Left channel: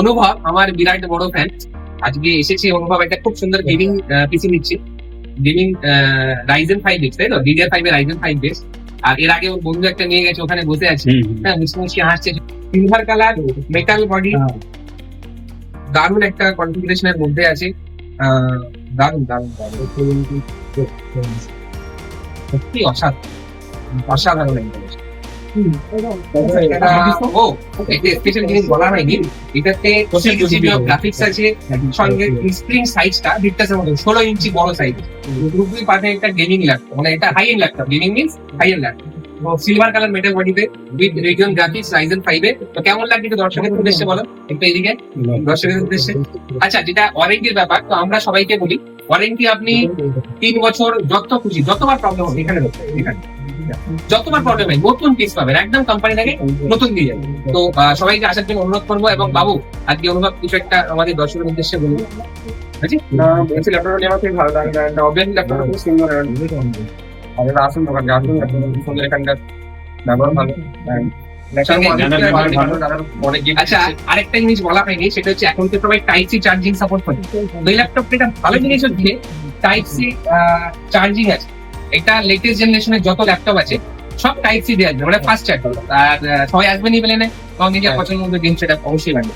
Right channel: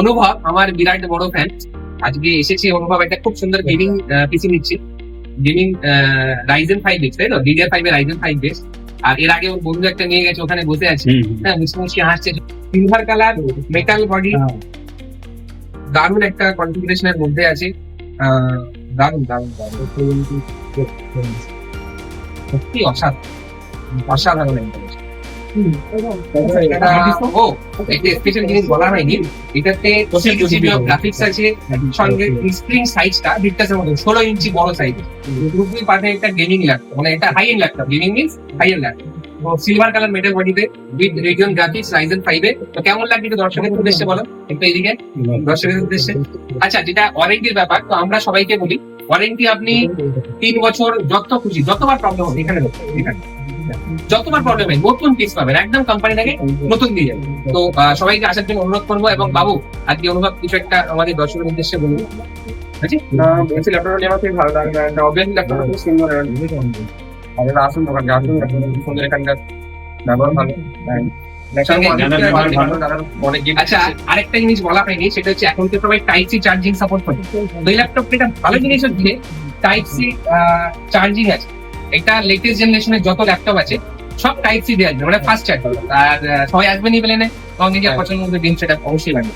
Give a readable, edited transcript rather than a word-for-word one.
অনুভব আমার বিরাট বড় ফ্যান। আজকে এসেছি অনুভব একটা খুব সুন্দর গেমিং পিসি নিচ্ছি। গেমিং রাইজেন 5 দিচ্ছে, তাই না? DDR5 এর রাইজেন 5 বেস। আর এর আগে ওর বন্ধু একটা নিয়ে গেছে, ওখানে বসে আছে। হ্যাঁ, মুসমুসি হাসছে। সিলভার কালার মেটাল বডি, দারুণ একটা কনফিগারেশনের মধ্যে আছে। দারুণ দারুণ দারুণ, সত্যি অসাধারণ অসাধারণ একটা জিনিস। একটা স্পেশাল জিনিস বলা হয়নি, এটাতে গ্রাফিক্স আছে, সঙ্গে স্ক্রিন সাইজটা বিটটাসের মতো 16 ইঞ্চি বড় সাইজ। খুবই পাবে একটা গেমিং ল্যাপটপ, মানে এটা high end laptop, gaming means high end laptop. Silver colour metal বডিতে উইথ রেডিয়ন গ্রাফিক্স রাইজেন 5 এ। তো কেমন লাগছে একটু দর্শকের উদ্দেশ্যে বলো, একটু এদিকে দর্শকের উদ্দেশ্যে। আচ্ছা, যেটা ওয়ারেন্টির ব্যাপার, তো আমরা সবাইকে বলি ওয়ারেন্টি আপনি 3 বছর যত খুশি, যতবার প্রবলেম হবে এখানে যতবার প্রবলেম হয় নতুন পিস পাবেন, একদম কোম্পানি থেকে নতুন দিয়ে যাবে। তো সবাইকে আসার জন্য অনুরোধ করবো। এবং বাবু, আজকে অনুভব কিছু একটা আমাদের দর্শকের উদ্দেশ্যে বলবো। বুঝছি ল্যাপটপটা নেওয়া থেকে ভালো লাগবে, অবভিয়াসলি ল্যাপটপটা খুব সুন্দর। আপনারা আসুন দোকানে, আসুন, সুন্দর এখানটা ব্যবহার ভালো। অনেক জিনিস। আচ্ছা, আরেকটা জিনিস বলা হয়নি, সেটা হচ্ছে এখন তো সবাই টাইপ সি চার্জিং সাপোর্ট করে। তো এই ল্যাপটপটা ভালো জিনিস হচ্ছে টাইপ সি চার্জিং আছে। এটা লেটেস্ট জেনারেশনের যত ল্যাপটপ আছে সব টাইপ সি দিয়ে আসবে, মানে ফাস্ট চার্জ। আর সবাই আসবেন এই মেলে, কম দিকে পছন্দ হবে দিন, সেটা অবশ্যই লাগবে।